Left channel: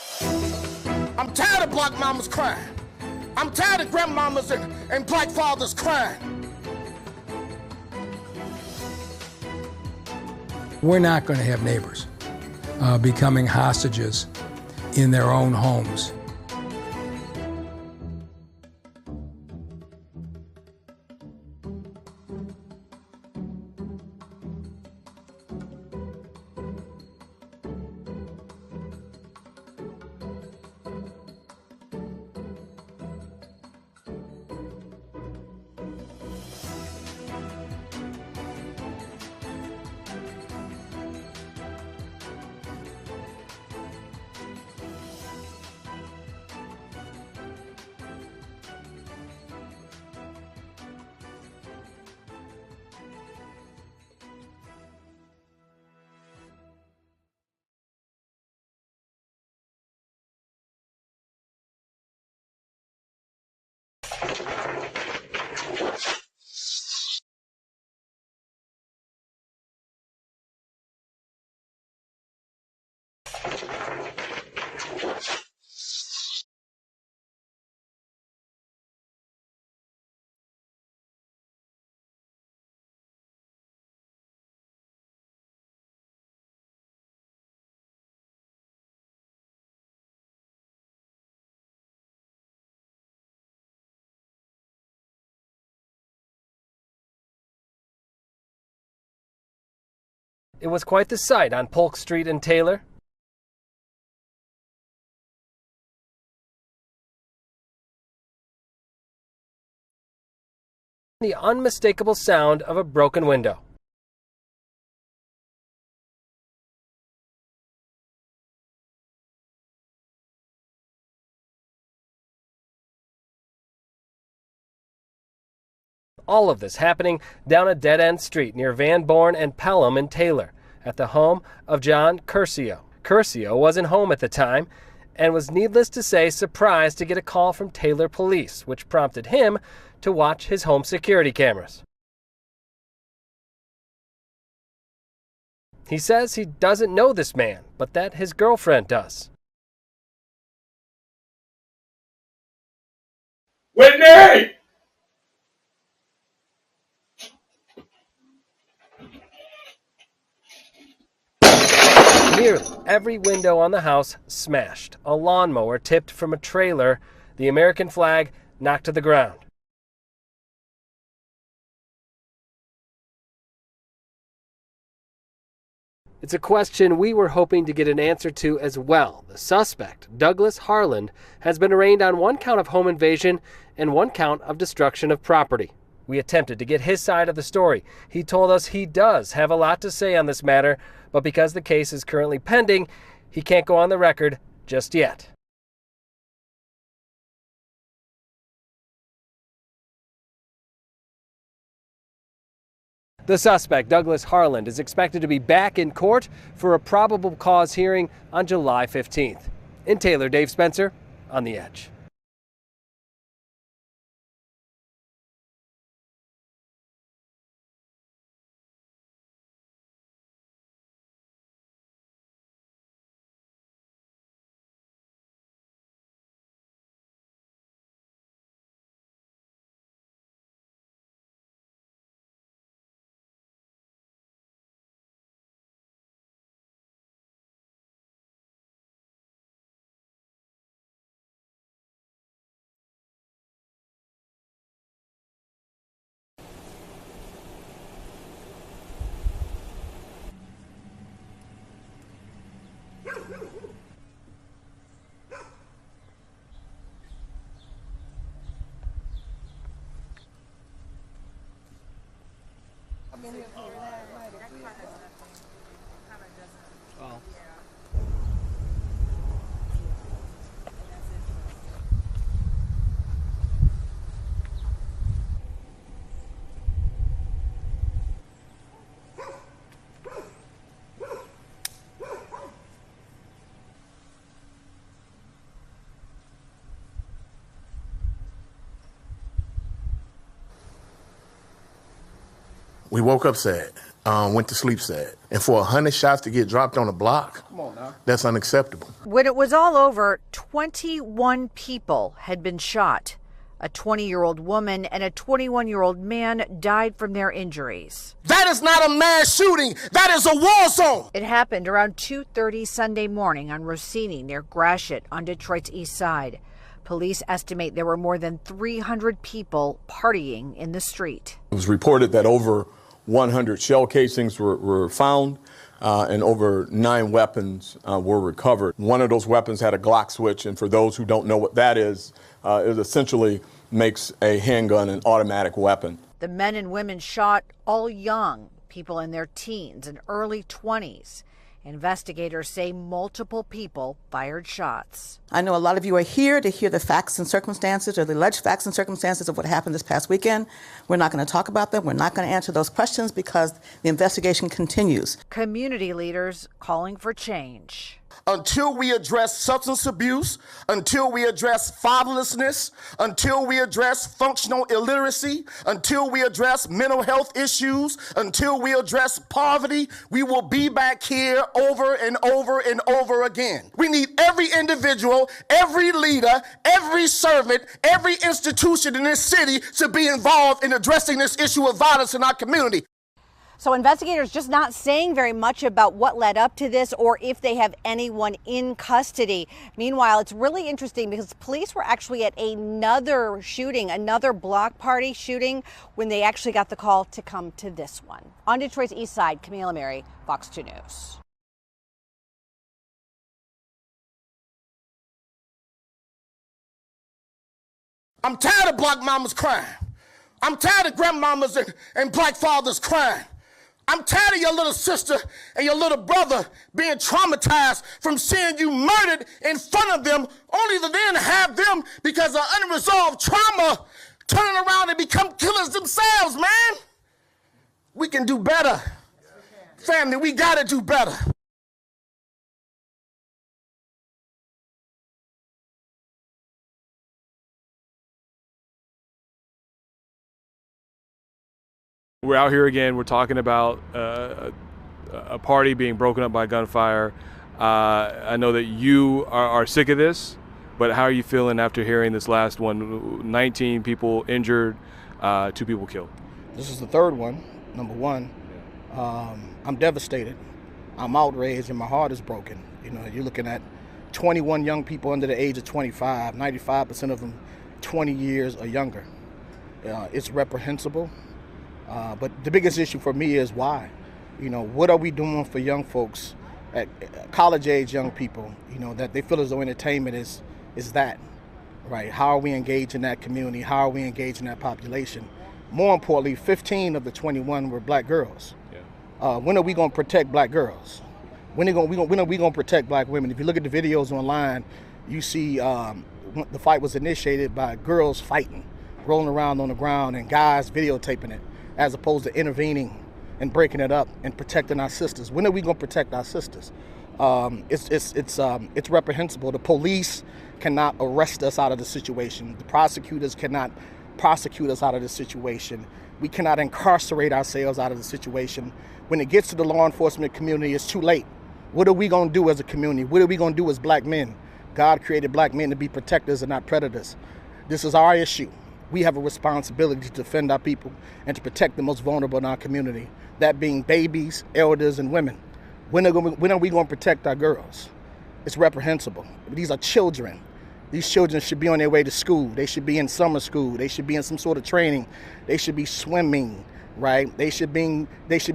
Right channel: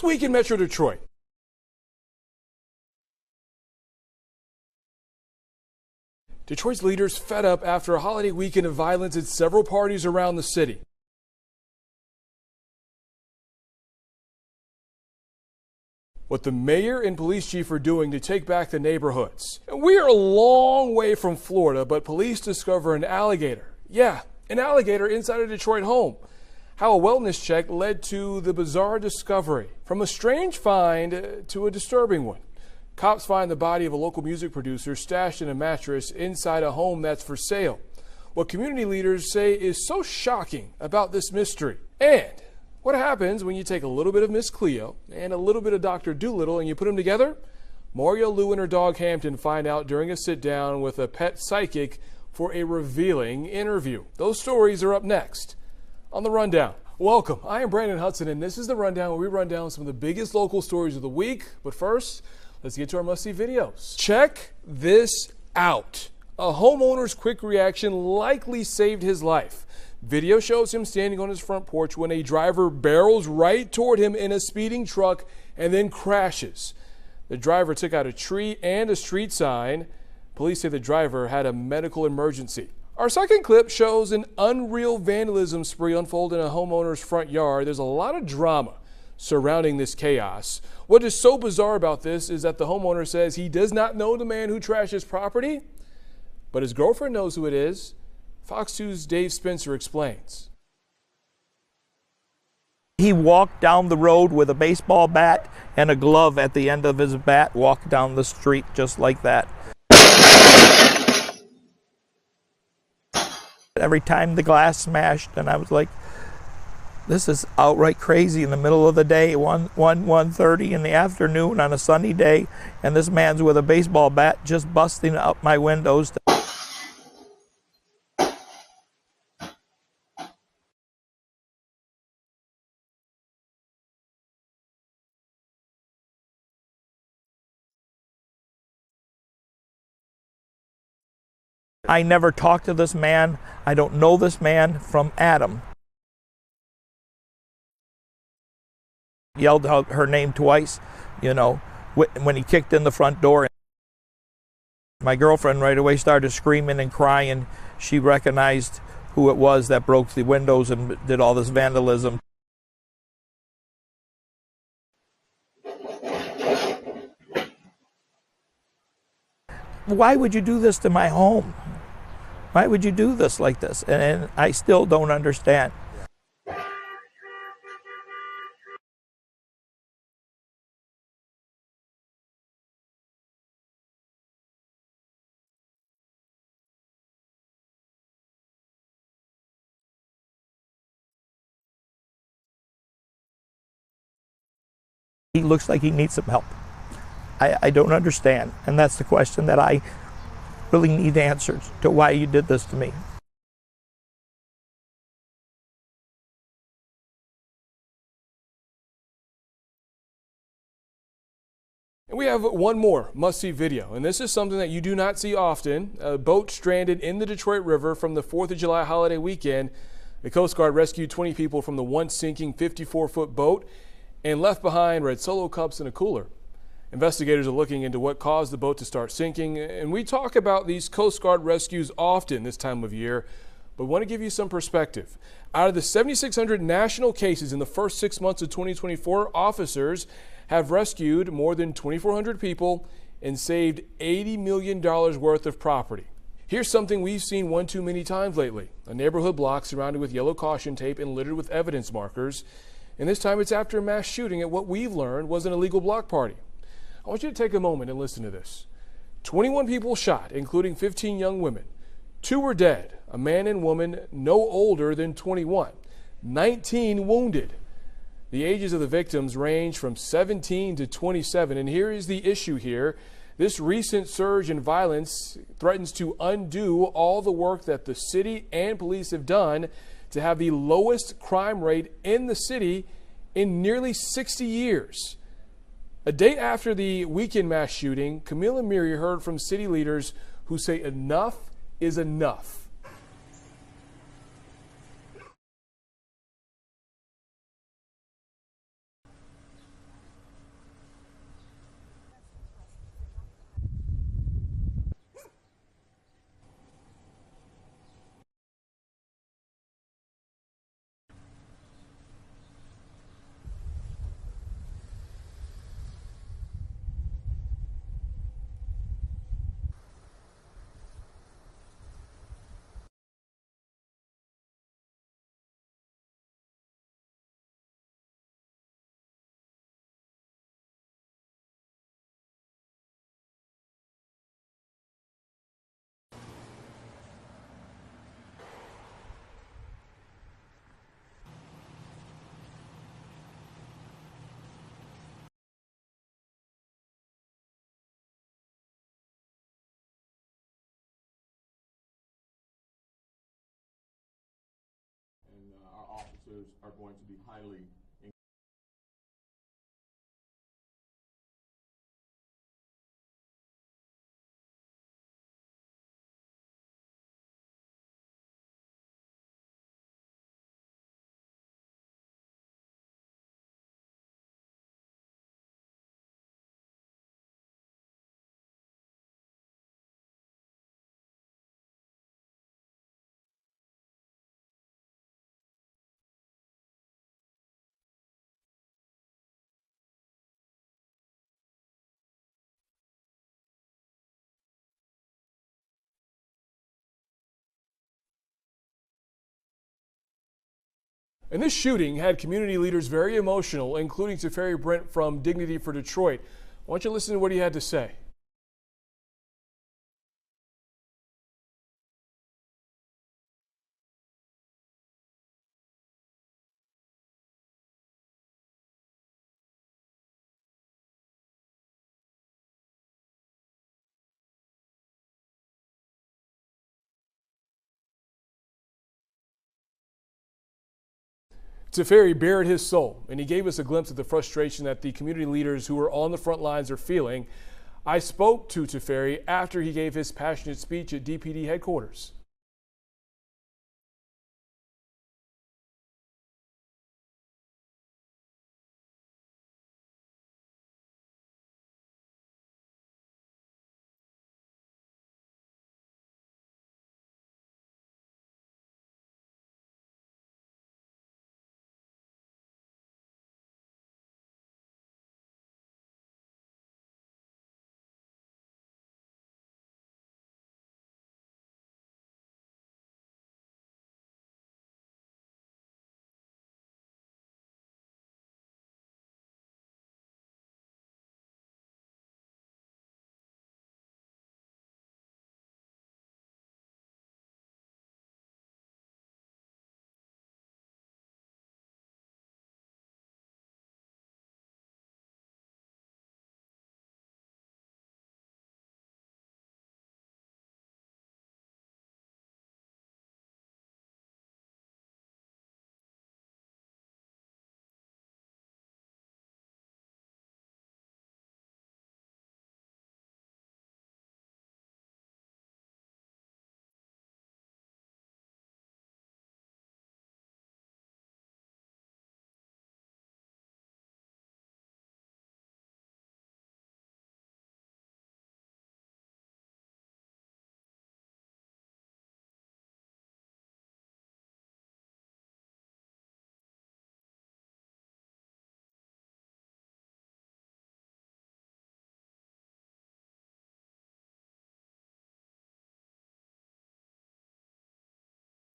This week in Metro Detroit. I'm tired of black mamas crying. I'm tired of grandmamas and black fathers crying. Detroit's leaders fed up after a holiday weekend of violence at several parties around the city. We're not going to have neighbors becoming hostages in their own homes. What the mayor and police chief are doing to take back the neighborhoods. And we are a long way from Florida, but police discover an alligator. Yeah, an alligator inside a Detroit home. How a wellness check led to the bizarre discovery. From a strange find to a disturbing one. Cops find the body of a local music producer stashed in a mattress inside a home that's for sale. What community leaders say is so shocking about this mystery. And what happens when you take a little bit of Miss Cleo and a little bit of Dr. Doolittle and you put them together? Mario Lou and her dog Hampton find out during a sit-down with a pet psychic for a revealing interview. Those stories are up next on The Rundown. Welcome, I am Brandon Hudson, and this is The Rundown, where we run down some of the biggest local stories of the week. But first, let's get to our must-see videos. Check this out. A homeowner's quick reaction likely saved his life. Video shows him standing on his front porch when a driver barrels right toward him in a speeding truck and then crashes. The driver took out a tree and a street sign. Police say the driver had a medical emergency. Our second clip shows an unreal vandalism spree unfold in a homeowner's front yard. There's a lot of drama surrounding this chaos. What is so bizarre about this is that the homeowner says he does not know the man who trashed his property, but his girlfriend knows who it is. Fox 2's Dave Spencer explains. It was quite the sight on Polk Street in Taylor. He walked down the road with a baseball bat and a glove at the end of his bat, walked down the street just like that. The unmistakable sound of a broken window. Every time the glass smashed, and I was like, this is outright crazy in the middle of the day, 1:30 in the afternoon on a sunny day, and this man's with a baseball bat just busting up my windows. All of this happening down a dead-end street near Van Born and Pelham in Taylor, at the home of John Curcio. Curcio wasn't home at the time and was, needless to say, surprised to get a call from Taylor police, which prompted him to watch his home security cameras. I never talked to this man. I don't know this man from Adam. He says he doesn't know this man, but that his girlfriend does. Yelled out her name twice, you know, when he kicked in the front door. Whitney! My girlfriend right away started screaming and crying. She recognized who it was that broke the windows and did all this vandalism. Nearly every window on the house smashed. A lawnmower tipped from a trailer. The American flag knocked to the ground. Why would you do this to my home? Why would you do this like this? And I still don't understand. It's a question we were hoping to get an answer to as well. The suspect, Douglas Harland, has been arraigned on one count of home invasion and one count of destruction of property. We attempted to get his side of the story. He told us he does have a lot to say on this matter, but because the case is currently pending, he can't go on the record just yet. He looks like he needs some help. I don't understand, and that's the question that I really need answers to, why you did this to me. The suspect, Douglas Harland, is expected to be back in court for a probable cause hearing on July 15th. In Taylor, Dave Spencer, On the Edge. And we have one more must-see video, and this is something that you do not see often. A boat stranded in the Detroit River from the 4th of July holiday weekend. The Coast Guard rescued 20 people from the once sinking 54-foot boat and left behind red Solo cups and a cooler. Investigators are looking into what caused the boat to start sinking, and we talk about these Coast Guard rescues often this time of year, but we want to give you some perspective. Out of the 7,600 national cases in the first 6 months of 2024, officers have rescued more than 2,400 people and saved $80 million worth of property. Here's something we've seen one too many times lately: a neighborhood block surrounded with yellow caution tape and littered with evidence markers. And this time it's after a mass shooting at what we've learned was an illegal block party. I want you to take a moment and listen to this. 21 people shot, including 15 young women. 2 were dead, a man and woman no older than 21. 19 wounded. The ages of the victims range from 17 to 27, and here is the issue here. This recent surge in violence threatens to undo all the work that the city and police have done to have the lowest crime rate in the city in nearly 60 years. A day after the weekend mass shooting, Camille and Miri heard from city leaders who say enough is enough. We woke up sad. went to sleep sad. And for 100 shots to get dropped on a block, come on now, that's unacceptable. When it was all over, 21 people had been shot. A 20-year-old woman and a 21-year-old man died from their injuries. That is not a mass shooting. That is a war zone. It happened around 2:30 Sunday morning on Rossini near Gratiot on Detroit's east side. Police estimate there were more than 300 people partying in the street. It was reported that over 100 shell casings were found and over 9 weapons were recovered. One of those weapons had a Glock switch, and for those who don't know what that is, it essentially makes a handgun an automatic weapon. The men and women shot, all young, people in their teens and early 20s. Investigators say multiple people fired shots. I know a lot of you are here to hear the facts and circumstances, or the alleged facts and circumstances of what happened this past weekend. We're not going to talk about them. We're not going to answer those questions because the investigation continues. Community leaders calling for change. Until we address substance abuse, until we address fatherlessness, until we address functional illiteracy, until we address mental health issues, until we address poverty, we will be back here over and over and over again. We need every individual, every leader, every servant, every institution in this city to be involved in addressing this issue of violence in our community. So investigators just not saying very much about what led up to this or if they have anyone in custody. Meanwhile, it's really interesting because police were actually at another shooting, another block party shooting, when they actually got the call to come to this one. On Detroit's east side, Camila Mary, Fox 2 News. And this shooting had community leaders very emotional, including Teferi Brent from Dignity for Detroit. Why don't you listen to what he had to say? I'm tired of black mamas crying. I'm tired of grandmamas and black fathers crying. I'm tired of your little sister and your little brother being traumatized from seeing you murdered in front of them, only to then have them, because of unresolved trauma, turning around and become killers themselves, man. We can do better. Family, we gotta do better. Teferi bared his soul, and he gave us a glimpse of the frustration that the community leaders who are on the front lines are feeling. I spoke to Teferi after he gave his passionate speech at DPD headquarters. We're out here again. We're talking about a party being broken up by gunfire. I know that you are sick of this, but how are you feeling after hearing this last one? 19 people injured, 2 people killed. This is the third one, number one. I'm devastated. I'm outraged and my heart is broken. You know, you're looking at 21 young people under the age of 25, 95% of them 20 years or younger. It's reprehensible, but the biggest issue for me is why. You know, what are we doing for young folks, at college age young people, you know, that they feel as though entertainment is that, right? How are we engaging that community? How are we engaging that population? More importantly, 15 of the 21 were black girls. Yeah. When are we gonna protect black girls? When are we gonna protect black women? If you look at the videos online, you see the fight was initiated by girls fighting, rolling around on the ground, and guys videotaping it, as opposed to intervening and breaking it up and protecting our sisters. When are we gonna protect our sisters? It's reprehensible. The police cannot arrest us out of the situation. The prosecutors cannot prosecute us out of the situation. We cannot incarcerate ourselves out of the situation. When it gets to the law enforcement community, it's too late. What are we gonna do as a community? What are we gonna do as black men? God created black men to be protectors and not predators. This is our issue. We have a responsibility to defend our people and to protect the most vulnerable in our community, that being babies, elders, and women. When are we going to protect our girls? It's reprehensible. These are children. These children should be on their way to school. They should be in summer school. They should be in some sort of training. They should be swimming, right? They should be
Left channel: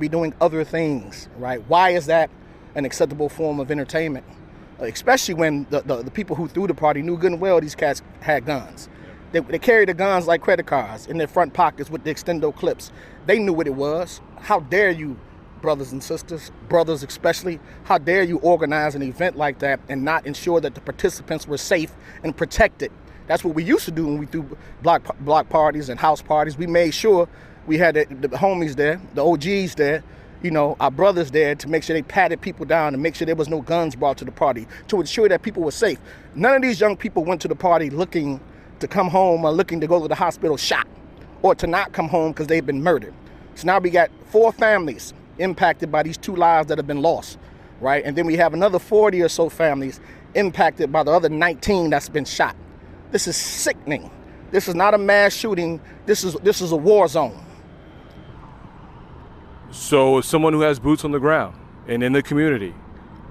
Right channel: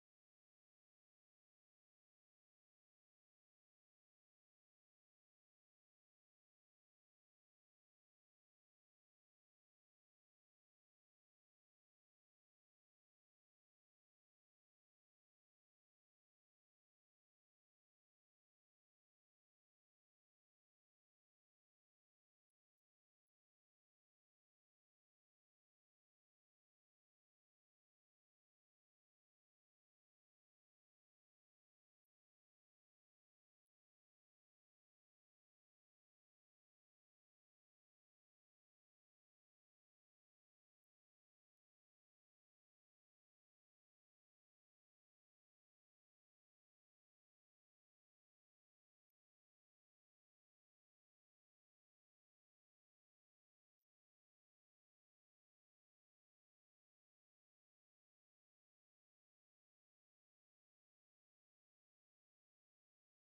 doing other things, right? Why is that an acceptable form of entertainment? Especially when the people who threw the party knew good and well these cats had guns. They carried the guns like credit cards in their front pockets with the extendo clips. They knew what it was. How dare you, brothers and sisters, brothers especially, how dare you organize an event like that and not ensure that the participants were safe and protected? That's what we used to do when we threw block parties and house parties. We made sure we had the homies there, the OGs there, you know, our brothers there, to make sure they patted people down and make sure there was no guns brought to the party, to ensure that people were safe. None of these young people went to the party looking to come home or looking to go to the hospital shot, or to not come home because they've been murdered. So now we got 4 families impacted by these 2 lives that have been lost, right? And then we have another 40 or so families impacted by the other 19 that's been shot. This is sickening. This is not a mass shooting. This is a war zone. So, as someone who has boots on the ground and in the community,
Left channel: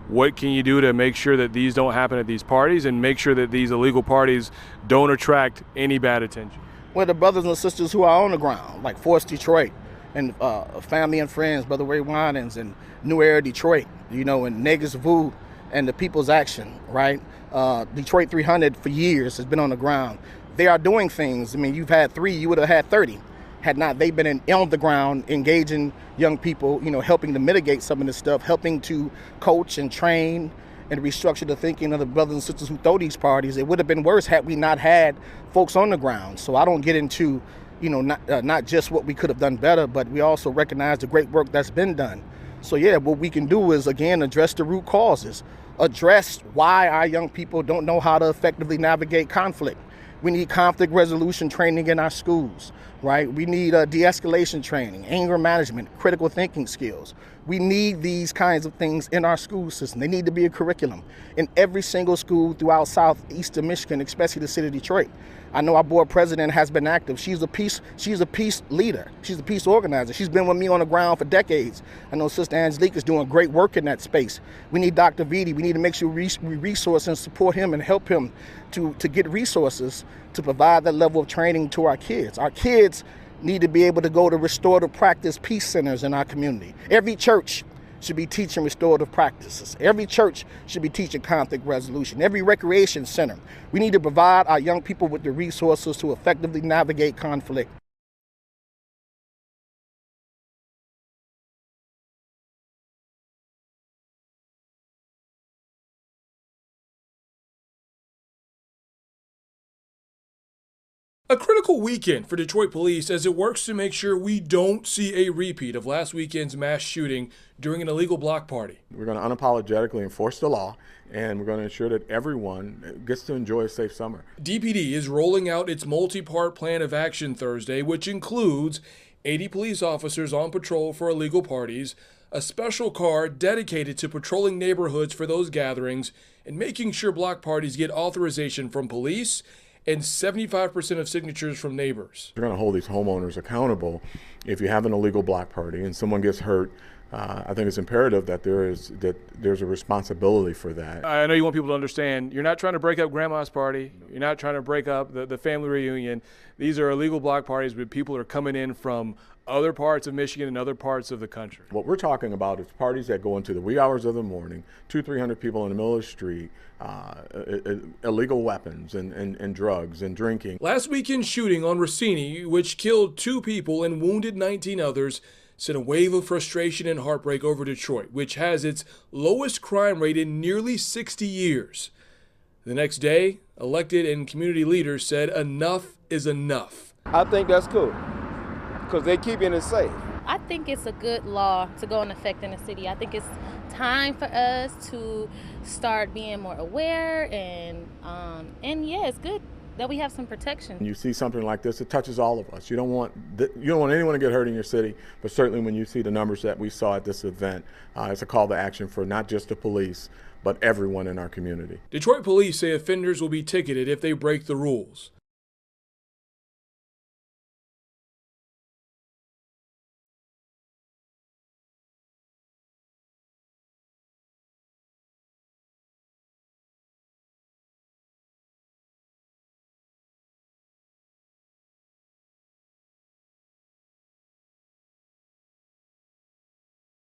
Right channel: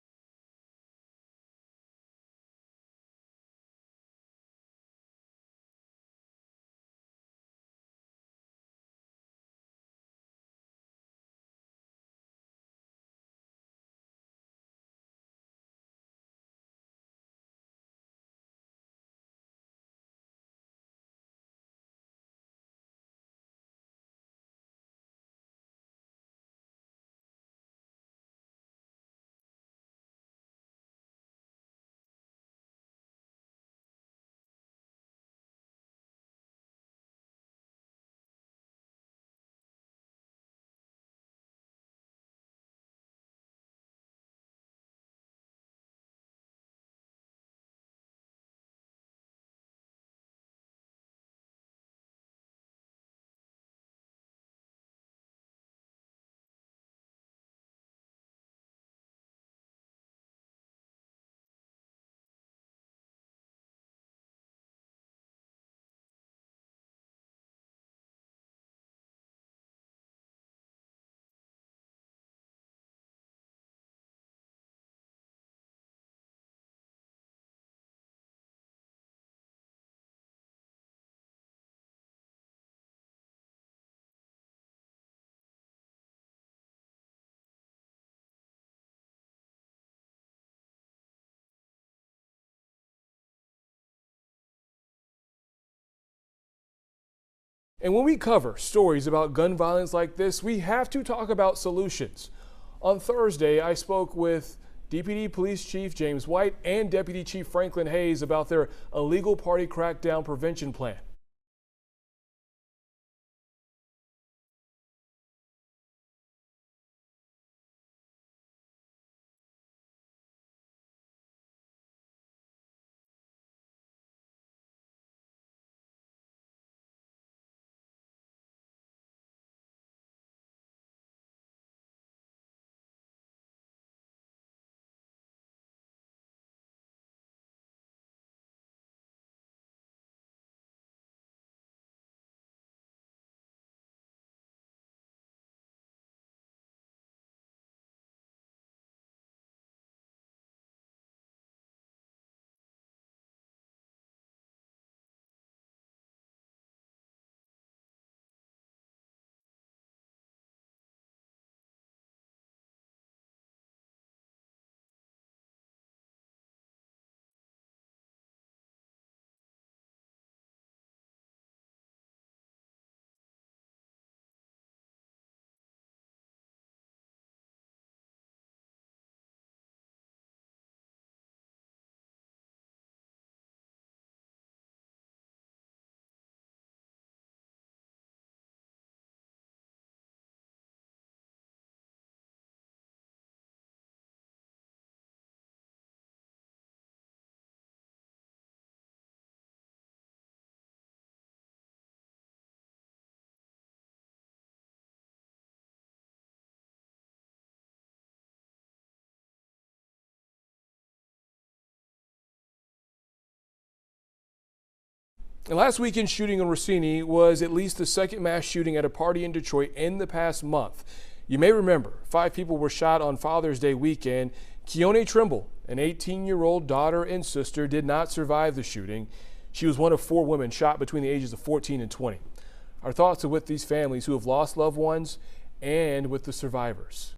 what can you do to make sure that these don't happen at these parties and make sure that these illegal parties don't attract any bad attention? Well, the brothers and sisters who are on the ground, like Force Detroit and Family and Friends, Brother Ray Winans, and New Era Detroit, and Negus Vu and the People's Action, right? Detroit 300 for years has been on the ground. They are doing things. I mean, you've had 3, you would have had 30. Had not they been on the ground engaging young people, helping to mitigate some of this stuff, helping to coach and train and restructure the thinking of the brothers and sisters who throw these parties, it would have been worse had we not had folks on the ground. So I don't get into, not just what we could have done better, but we also recognize the great work that's been done. So yeah, what we can do is, again, address the root causes, address why our young people don't know how to effectively navigate conflict. We need conflict resolution training in our schools, right? We need de-escalation training, anger management, critical thinking skills. We need these kinds of things in our school system. They need to be a curriculum in every single school throughout southeastern Michigan, especially the city of Detroit. I know our board president has been active. She's a peace leader. She's a peace organizer. She's been with me on the ground for decades. I know Sister Angelique is doing great work in that space. We need Dr. Vitti. We need to make sure we resource and support him and help him to get resources to provide that level of training to our kids. Our kids need to be able to go to restorative practice peace centers in our community. Every church should be teaching restorative practices. Every church should be teaching conflict resolution. Every recreation center. We need to provide our young people with the resources to effectively navigate conflict. And when we cover stories about gun violence like this, we have to talk about solutions. On Thursday, I spoke with DPD Police Chief James White and Deputy Chief Franklin Hayes about their illegal party crackdown prevention plan. A critical weekend for Detroit police as it works to make sure we don't see a repeat of last weekend's mass shooting during an illegal block party. We're going to unapologetically enforce the law, and we're going to ensure that everyone gets to enjoy a safe summer. DPD is rolling out its multi-part plan of action Thursday, which includes 80 police officers on patrol for illegal parties, a special car dedicated to patrolling neighborhoods for those gatherings, and making sure block parties get authorization from police and 75% of signatures from neighbors. We're going to hold these homeowners accountable. If you have an illegal block party and someone gets hurt, I think it's imperative that there's a responsibility for that. I know you want people to understand, you're not trying to break up grandma's party. You're not trying to break up the family reunion. These are illegal block parties where people are coming in from other parts of Michigan and other parts of the country. What we're talking about is parties that go into the wee hours of the morning, 200-300 people in the middle of the street, illegal weapons and drugs and drinking. Last weekend's shooting on Rossini, which killed 2 people and wounded 19 others, sent a wave of frustration and heartbreak over Detroit, which has its lowest crime rate in nearly 60 years. The next day, elected and community leaders said enough is enough. I think that's cool, because they're keeping it safe. I think it's a good law to go in effect in the city. I think it's time for us to start being more aware, and yeah, it's good that we have some protection. When you see something like this, it touches all of us. You don't want anyone to get hurt in your city, but certainly when you see the numbers that we saw at this event, it's a call to action for not just the police, but everyone in our community. Detroit police say offenders will be ticketed if they break the rules. And last weekend's shooting on Rossini was at least the second mass shooting at a party in Detroit in the past month. You may remember 5 people were shot on Father's Day weekend. Keone Trimble, an 18-year-old daughter and sister, did not survive the shooting. She was one of 4 women shot between the ages of 14 and 20. Our thoughts are with these families who have lost loved ones and with the survivors.